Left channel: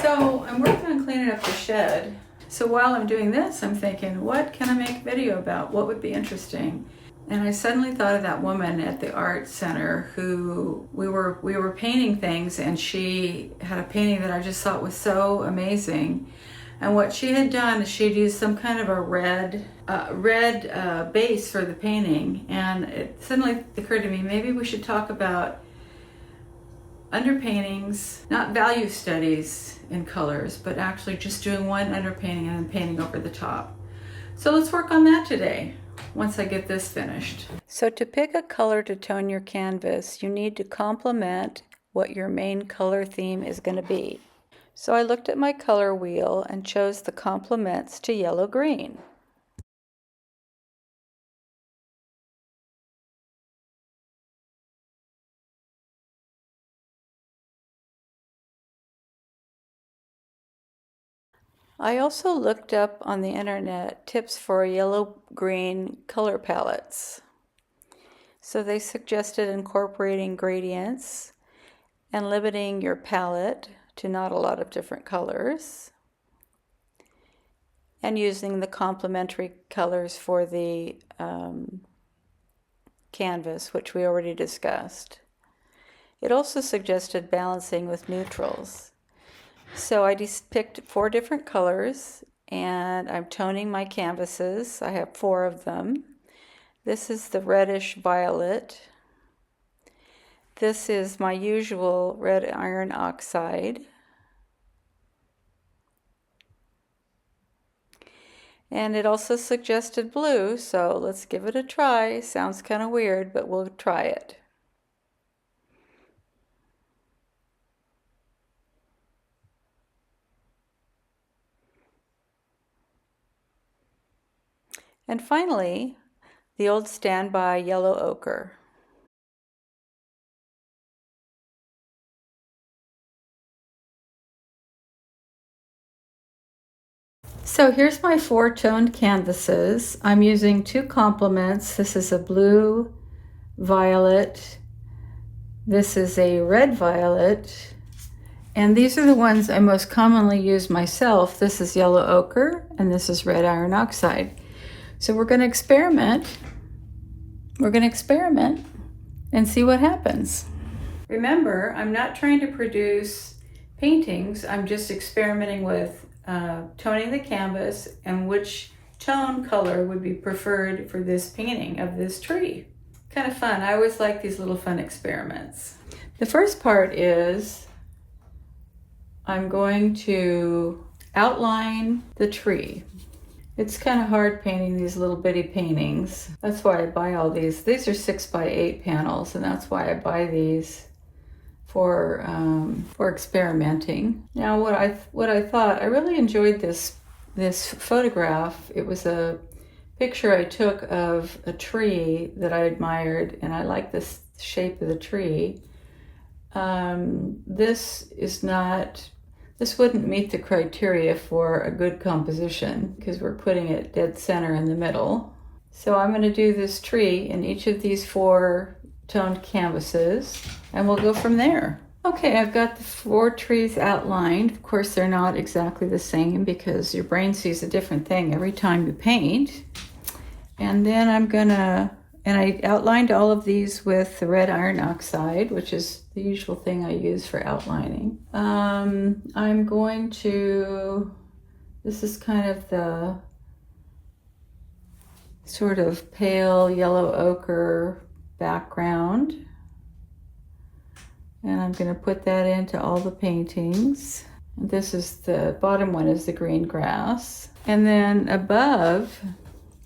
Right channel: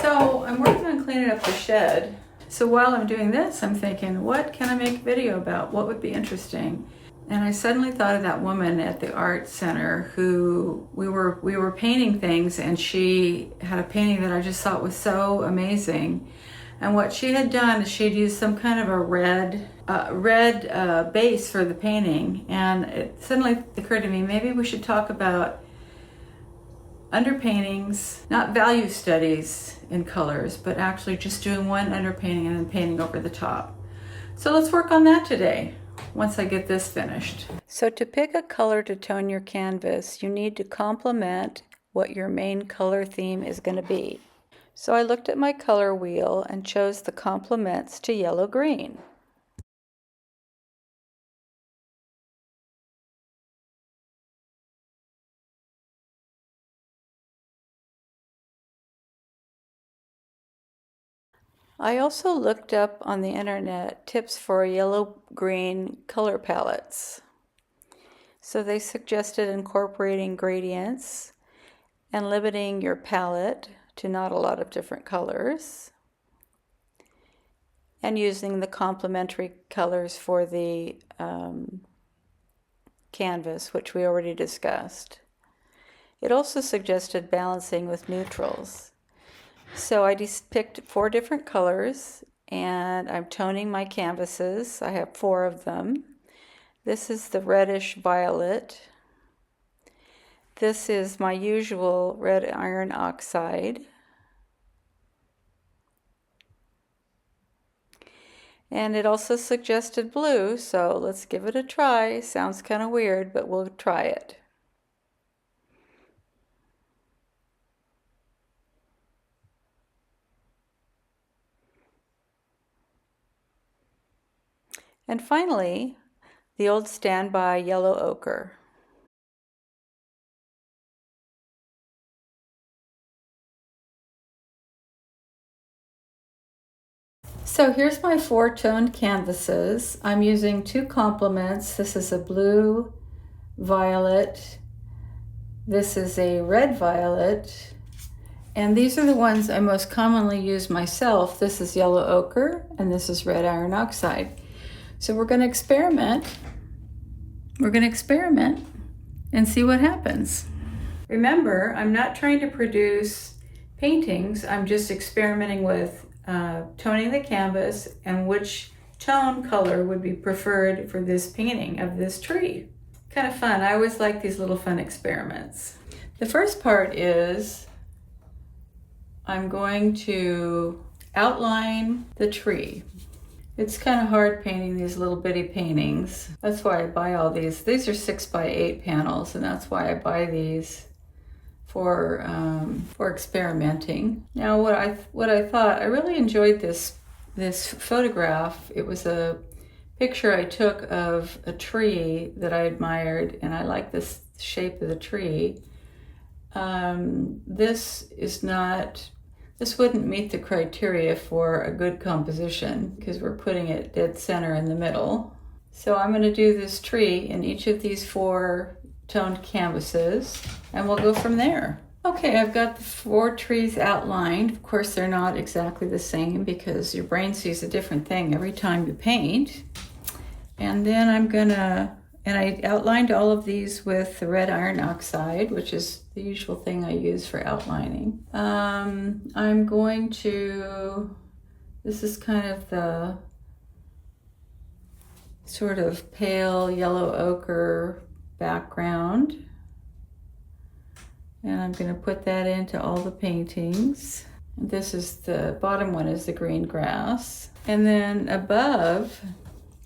So I'm working on cleaning up the shed. So while I'm doing this, I'm thinking, what can I make a video about? What would be interesting? And I suddenly thought of that woman at the art center who we were painting things, and she had a painting that I just thought was so amazing. And what she had done is she'd used some kind of a red base for the painting, and it suddenly occurred to me, maybe we should talk about underpaintings, not value studies in colors, but actually just doing one underpainting and then painting over the top. So let's work on that today, once I get this finished. So to pick a color to tone your canvas, you need to complement what your main color theme is going to be. So I looked at my color wheel and chose the complements to yellow-green. I also looked up on the internet tips for yellow-green color palettes. So they suggested incorporating gradients and limiting your palette to not a lot of different colors, and using the complementary colors for the canvas, which we already discussed. It also suggested balancing with neutrals. So I just picked 4 different colors, and I'm toning my canvases. I have 4 of them. This is the reddish violet. This is my usual red iron oxide. And it also suggested blue, so let's give it a try. Sounds kind of weird, but we'll try it. And finally, the old standby yellow ochre. So here's my 4 toned canvases. I'm using 2 complements. This is a blue violet. This is a red violet. And these are the ones I most commonly use myself. This is yellow ochre, and this is red iron oxide. So we're going to experiment. We're going to experiment and see what happens. Remember, I'm not trying to produce paintings. I'm just experimenting with toning the canvas and which tone color would be preferred for this painting of this tree. Kind of fun. I always like these little fun experiments. The first part is I'm going to outline the tree. It's kind of hard painting these little bitty paintings. That's why I buy all these. These are 6x8 panels, and that's why I buy these for experimenting. Now, what I thought, I really enjoyed this photograph. It was a picture I took of a tree that I admired, and I like this shape of the tree. This wouldn't meet the criteria for a good composition because we're putting it dead center in the middle. So I'm going to do this tree in each of these 4 toned canvases, and we'll go from there. Okay, I've got the 4 trees outlined. Of course, they're not exactly the same because your brain sees a different thing every time you paint. And then I outlined all of these with the red iron oxide, which is the usual thing I use for outlining. I'm going to, this is kind of the sort of pale yellow ochre background. And I'm going to put that into all the paintings. This is the bottom one is the green grass. And then above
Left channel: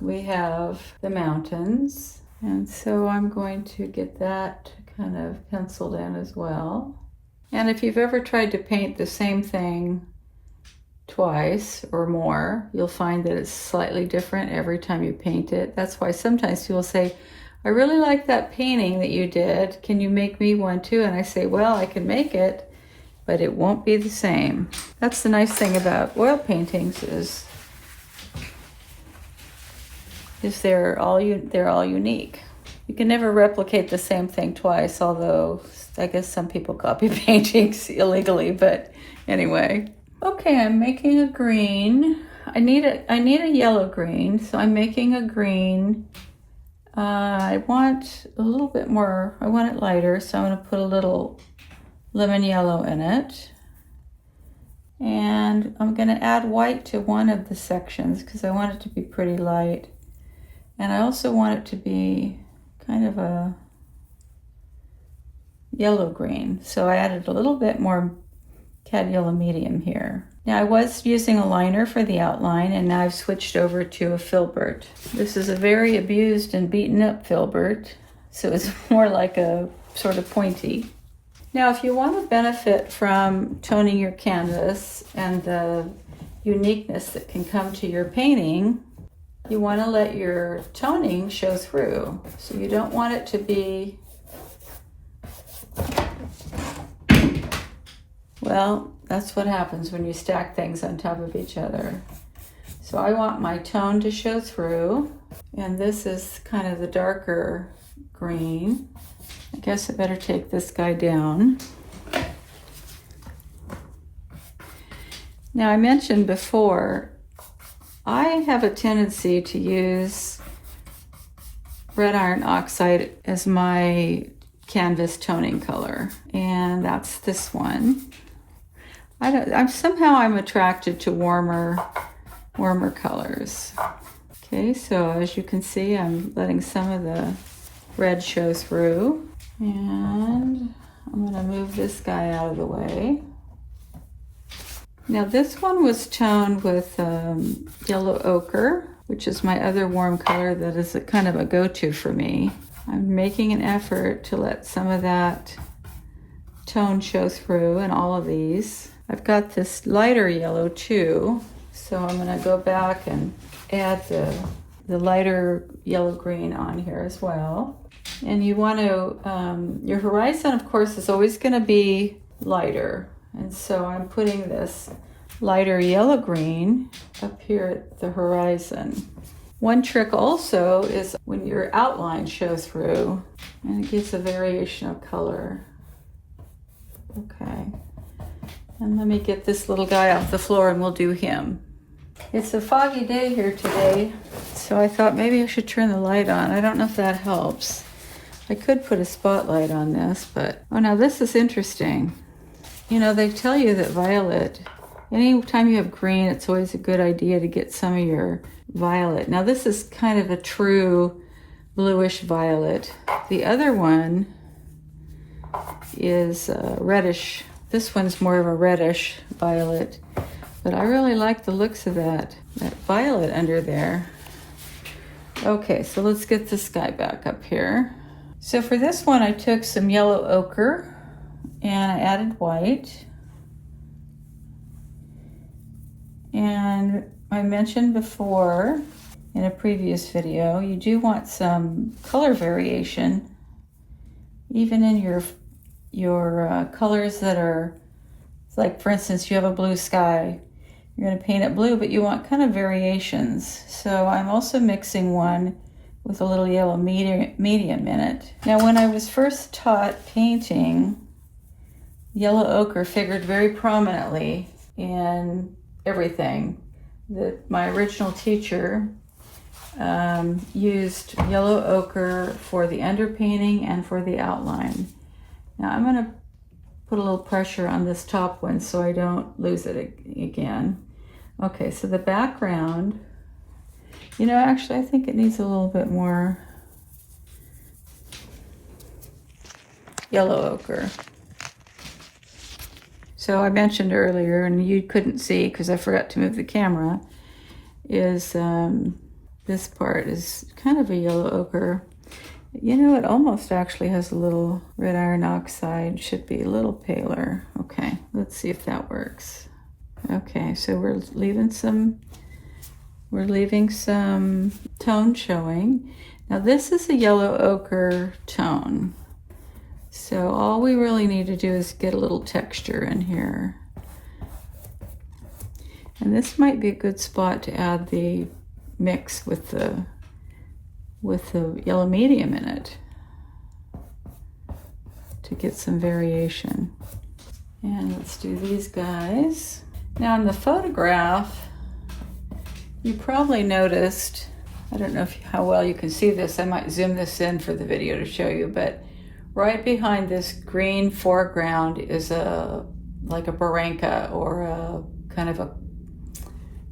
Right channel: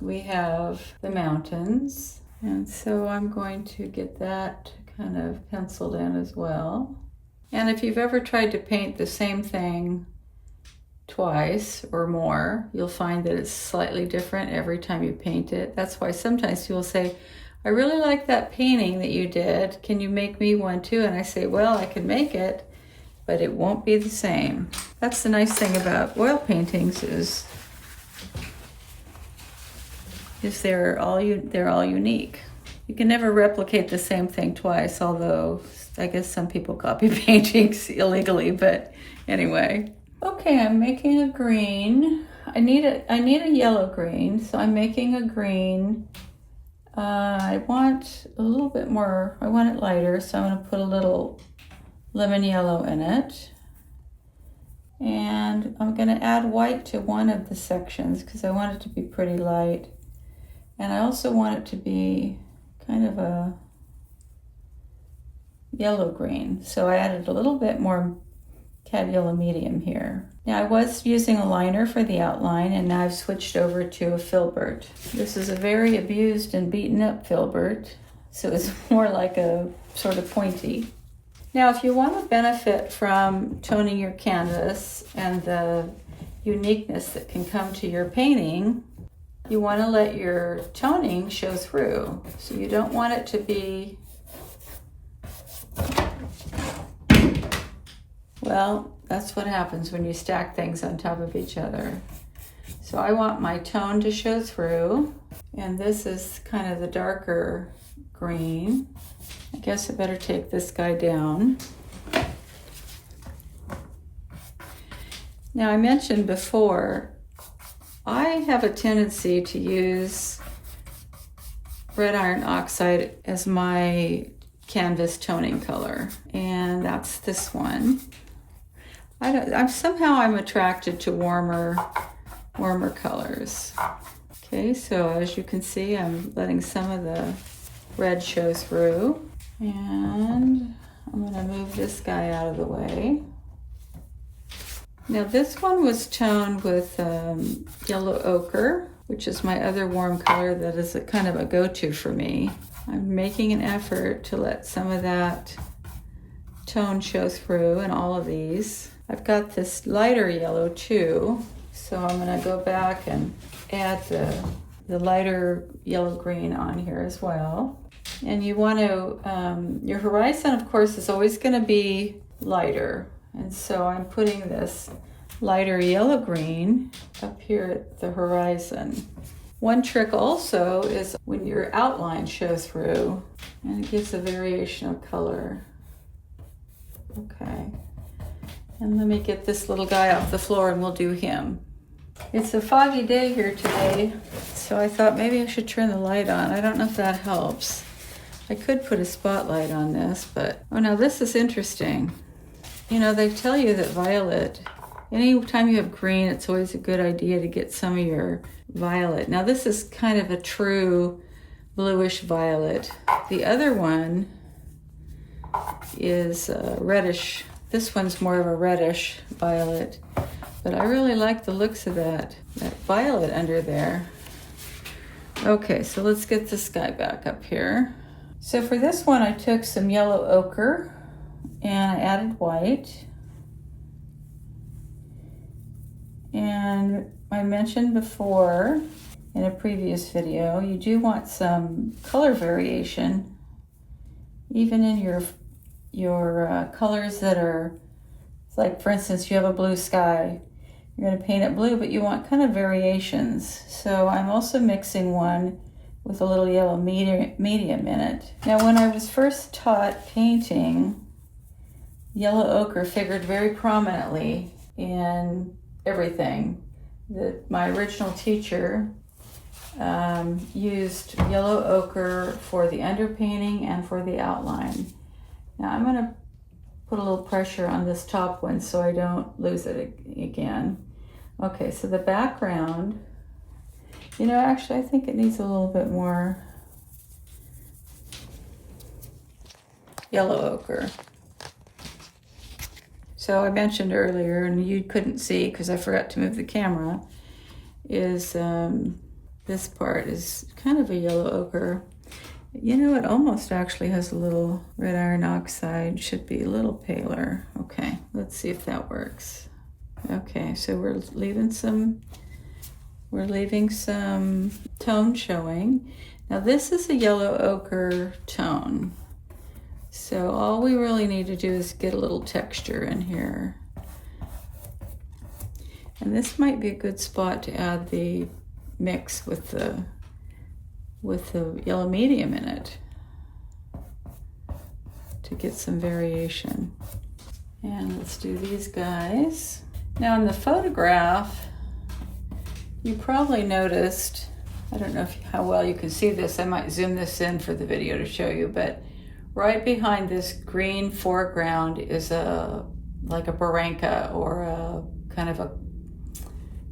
we have the mountains. And so I'm going to get that kind of penciled in as well. And if you've ever tried to paint the same thing twice or more, you'll find that it's slightly different every time you paint it. That's why sometimes people say, I really like that painting that you did. Can you make me one too? And I say, well, I can make it, but it won't be the same. That's the nice thing about oil paintings is they're all unique. You can never replicate the same thing twice, although I guess some people copy paintings illegally, but anyway. Okay, I'm making a green. I need a yellow green, so I'm making a green. I want a little bit more, I want it lighter, so I'm going to put a little lemon yellow in it. And I'm going to add white to one of the sections because I want it to be pretty light. And I also want it to be kind of a yellow green. So I added a little bit more cad yellow medium here. Now I was using a liner for the outline, and now I've switched over to a filbert. This is a very abused and beaten up filbert, so it's more like a sort of pointy. Now if you want to benefit from toning your canvas and the uniqueness that can come to your painting, you want to let your toning show through. So you don't want it to be, well, that's what happens when you stack things on top of each other. So I want my tone to show through, and this is kind of the darker green. I guess I better take this guy down. Now I mentioned before, I have a tendency to use red iron oxide as my canvas toning color, and that's this one. Somehow I'm attracted to warmer colors. Okay, so as you can see, I'm letting some of the red show through, and I'm going to move this guy out of the way. Now this one was toned with yellow ochre, which is my other warm color that is kind of a go-to for me. I'm making an effort to let some of that tone show through in all of these. I've got this lighter yellow too, so I'm going to go back and add the lighter yellow green on here as well. And you want to, your horizon of course is always going to be lighter, and so I'm putting this lighter yellow green up here at the horizon. One trick also is when your outline shows through, and it gives a variation of color. Okay. And let me get this little guy off the floor and we'll do him. It's a foggy day here today, so I thought maybe I should turn the light on. I don't know if that helps. I could put a spotlight on this, but oh, now this is interesting. You know, they tell you that violet, anytime you have green, it's always a good idea to get some of your violet. Now this is kind of a true bluish violet. The other one is reddish. This one's more of a reddish violet, but I really like the looks of that violet under there. Okay, so let's get this guy back up here. So for this one, I took some yellow ochre and I added white. And I mentioned before in a previous video, you do want some color variation, even in your colors that are, like for instance, you have a blue sky, you're going to paint it blue, but you want kind of variations. So I'm also mixing one with a little yellow medium in it. Now when I was first taught painting, yellow ochre figured very prominently in everything. My original teacher used yellow ochre for the underpainting and for the outline. Now I'm going to put a little pressure on this top one so I don't lose it again. Okay, so the background, you know, actually I think it needs a little bit more yellow ochre. So I mentioned earlier, and you couldn't see because I forgot to move the camera, is this part is kind of a yellow ochre. You know, it almost actually has a little red iron oxide, should be a little paler. Okay, let's see if that works. Okay, so we're leaving some tone showing. Now this is a yellow ochre tone. So all we really need to do is get a little texture in here. And this might be a good spot to add the mix with the yellow medium in it to get some variation. And let's do these guys. Now in the photograph, you probably noticed, I don't know how well you can see this, I might zoom this in for the video to show you, but right behind this green foreground is like a barranca or a kind of a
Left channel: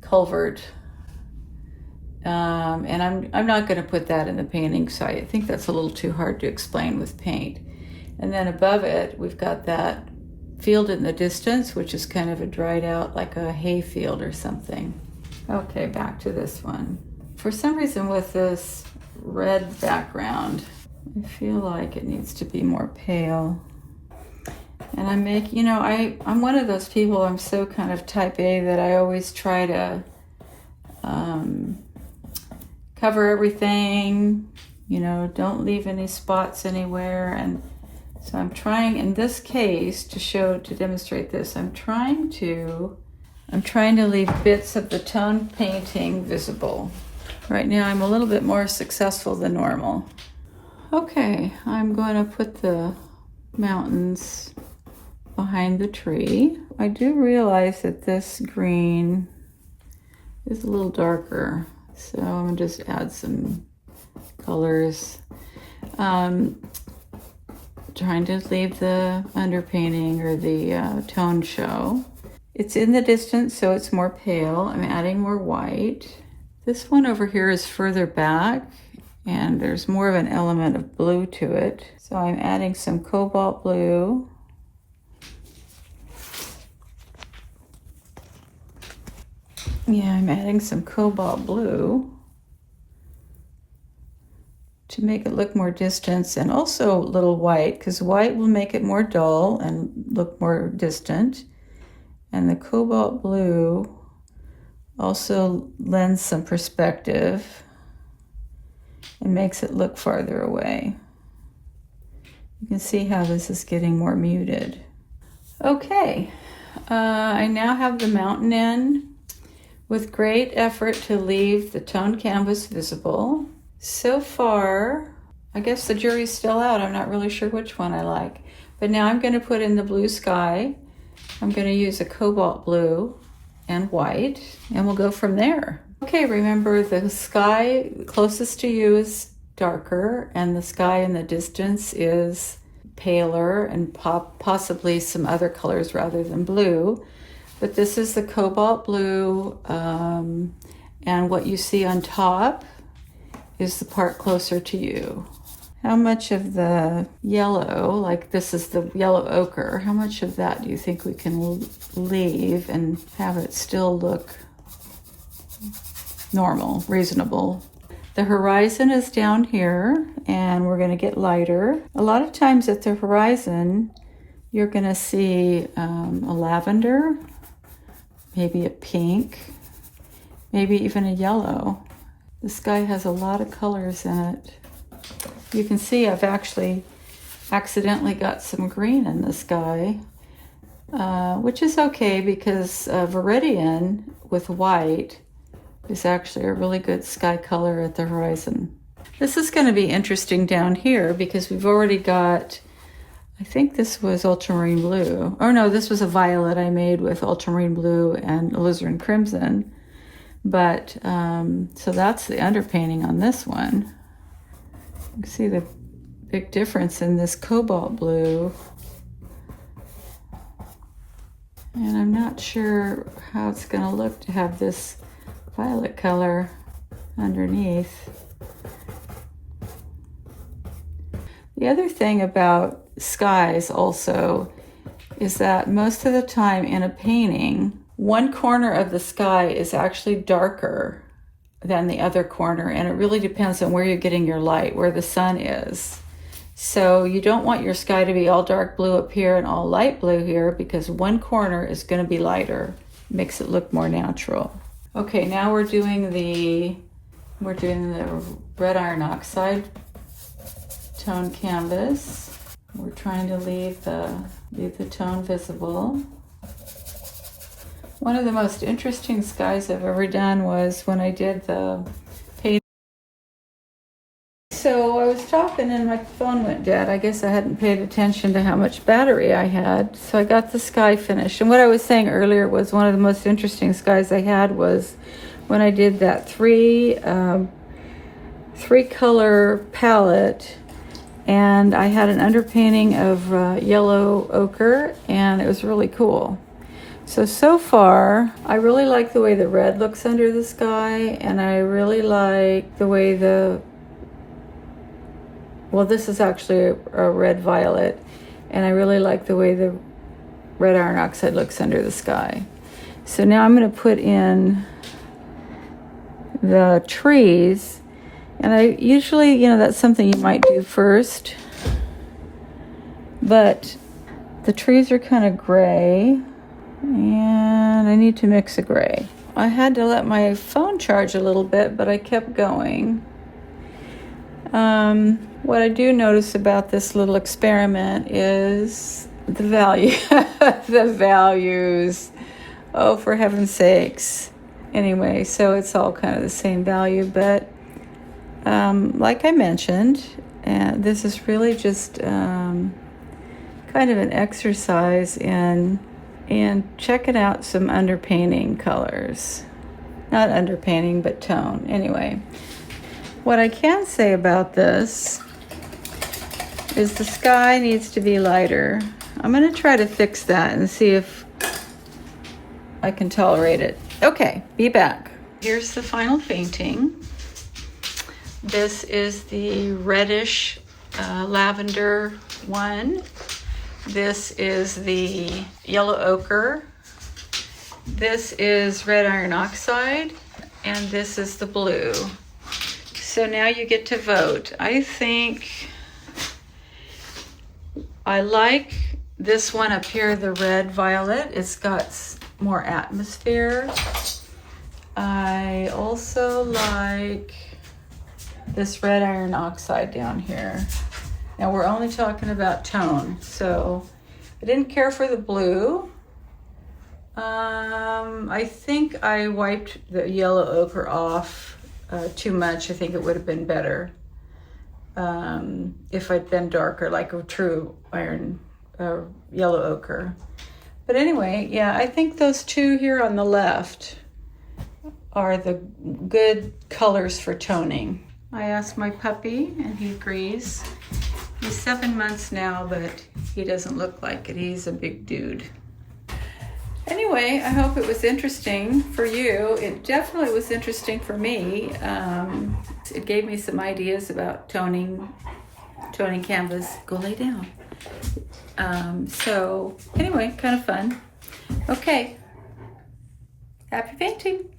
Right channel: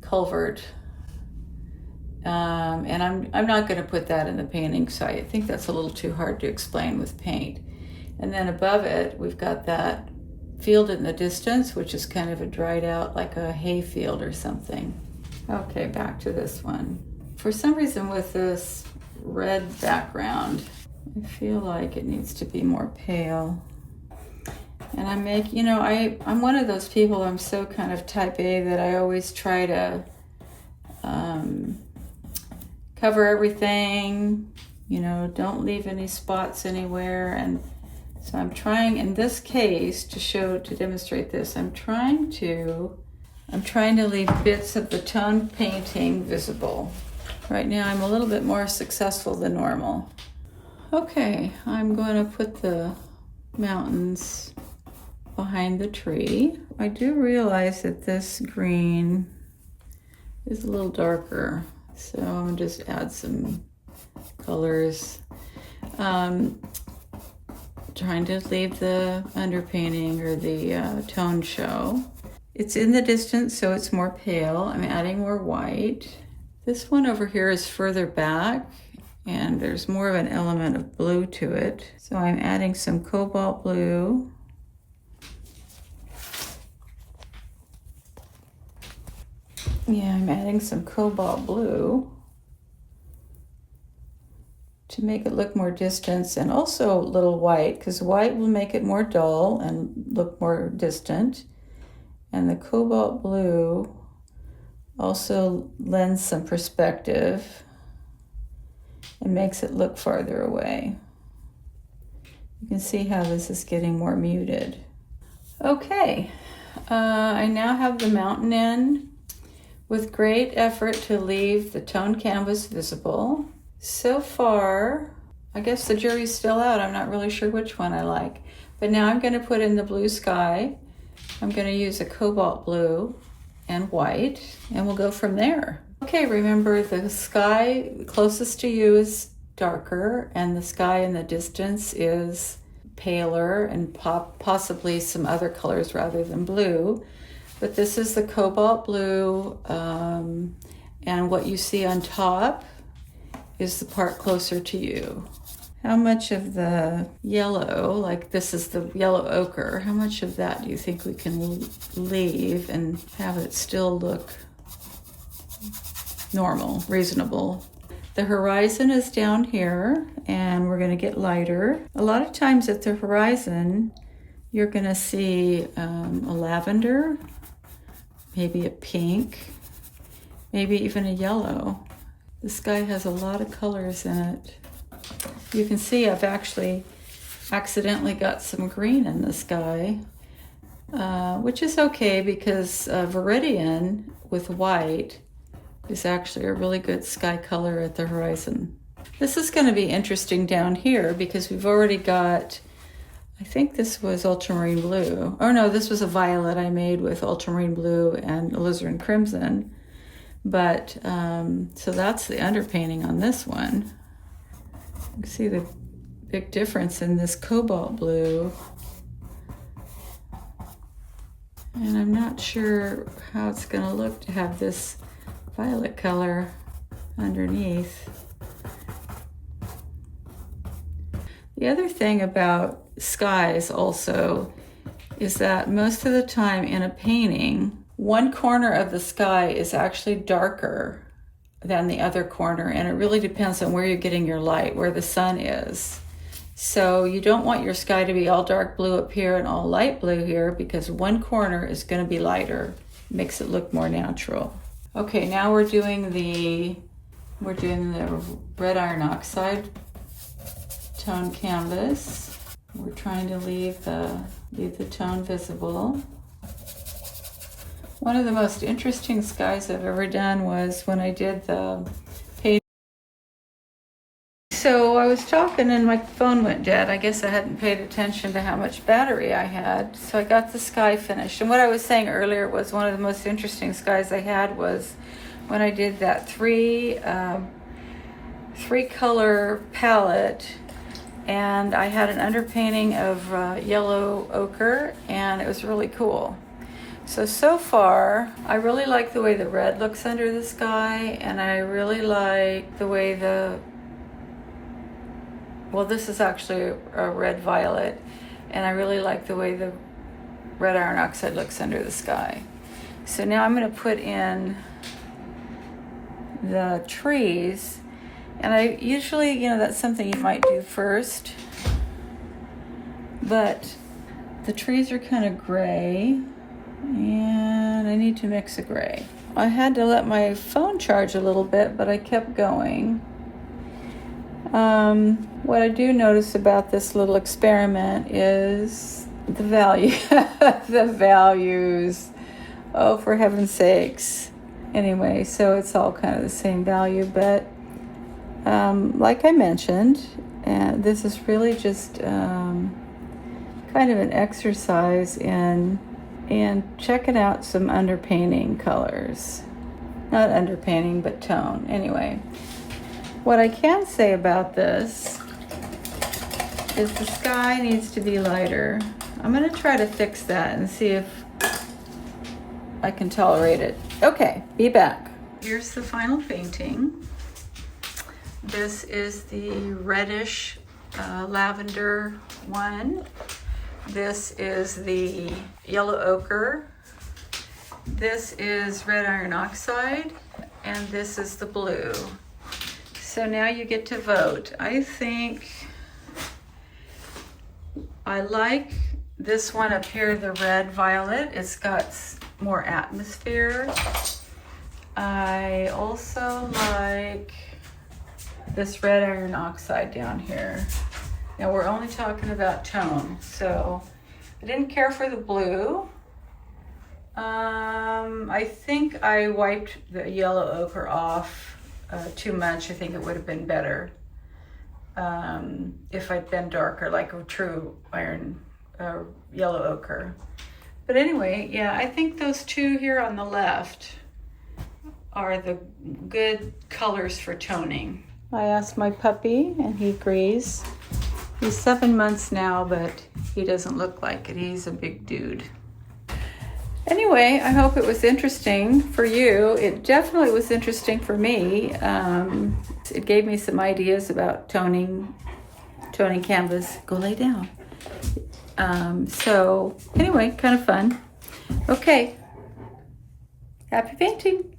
culvert. And I'm not going to put that in the painting, so I think that's a little too hard to explain with paint. And then above it, we've got that field in the distance, which is kind of a dried out, like a hay field or something. Okay, back to this one. For some reason with this red background, I feel like it needs to be more pale. And I'm one of those people, I'm so kind of type A that I always try to cover everything, don't leave any spots anywhere. And so I'm trying, in this case, to demonstrate this, I'm trying to leave bits of the tone painting visible. Right now I'm a little bit more successful than normal. Okay, I'm going to put the mountains behind the tree. I do realize that this green is a little darker, so I'm going to just add some colors. Trying to leave the underpainting or the tone show. It's in the distance, so it's more pale. I'm adding more white. This one over here is further back, and there's more of an element of blue to it. So I'm adding some cobalt blue. Yeah, I'm adding some cobalt blue to make it look more distant, and also a little white, because white will make it more dull and look more distant. And the cobalt blue also lends some perspective and makes it look farther away. You can see how this is getting more muted. Okay, I now have the mountain in with great effort to leave the tone canvas visible. So far, I guess the jury's still out. I'm not really sure which one I like. But now I'm going to put in the blue sky. I'm going to use a cobalt blue and white, and we'll go from there. Okay, remember the sky closest to you is darker, and the sky in the distance is paler, and possibly some other colors rather than blue. But this is the cobalt blue, and what you see on top is the part closer to you. How much of the yellow, like this is the yellow ochre, how much of that do you think we can leave and have it still look normal, reasonable? The horizon is down here, and we're going to get lighter. A lot of times at the horizon, you're going to see a lavender, maybe a pink, maybe even a yellow. The sky has a lot of colors in it. You can see I've actually accidentally got some green in the sky, which is okay because Viridian with white is actually a really good sky color at the horizon. This is going to be interesting down here because we've already got, I think this was ultramarine blue. Oh no, this was a violet I made with ultramarine blue and alizarin crimson. But, so that's the underpainting on this one. You can see the big difference in this cobalt blue. And I'm not sure how it's going to look to have this violet color underneath. The other thing about skies also is that most of the time in a painting, one corner of the sky is actually darker than the other corner, and it really depends on where you're getting your light, where the sun is. So you don't want your sky to be all dark blue up here and all light blue here, because one corner is going to be lighter. Makes it look more natural. Okay, now we're doing the red iron oxide tone canvas. We're trying to leave the tone visible. One of the most interesting skies I've ever done was when I did the paint. so I was talking and my phone went dead. I guess I hadn't paid attention to how much battery I had. So I got the sky finished. And what I was saying earlier was one of the most interesting skies I had was when I did that three color palette, and I had an underpainting of yellow ochre, and it was really cool. So far, I really like the way the red looks under the sky, and I really like the way well, this is actually a red violet, and I really like the way the red iron oxide looks under the sky. So now I'm going to put in the trees, and I usually, you know, that's something you might do first, but the trees are kind of gray, and I need to mix a gray. I had to let my phone charge a little bit, but I kept going. What I do notice about this little experiment is the value, the values. Oh, for heaven's sakes. Anyway, so it's all kind of the same value, but like I mentioned, this is really just kind of an exercise in checking out some underpainting colors. Not underpainting, but tone. Anyway, what I can say about this is the sky needs to be lighter. I'm going to try to fix that and see if I can tolerate it. Okay, be back. Here's the final painting. This is the reddish lavender one. This is the yellow ochre. This is red iron oxide, and this is the blue. So now you get to vote. I think I like this one up here, the red violet. It's got more atmosphere. I also like this red iron oxide down here. Now we're only talking about tone, so I didn't care for the blue. I think I wiped the yellow ochre off too much. I think it would have been better if I'd been darker, like a true iron yellow ochre. But anyway, yeah, I think those two here on the left are the good colors for toning. I asked my puppy and he agrees. He's 7 months now, but he doesn't look like it. He's a big dude. Anyway, I hope it was interesting for you. It definitely was interesting for me. It gave me some ideas about toning canvas. Go lay down. So anyway, kind of fun. Okay, happy painting.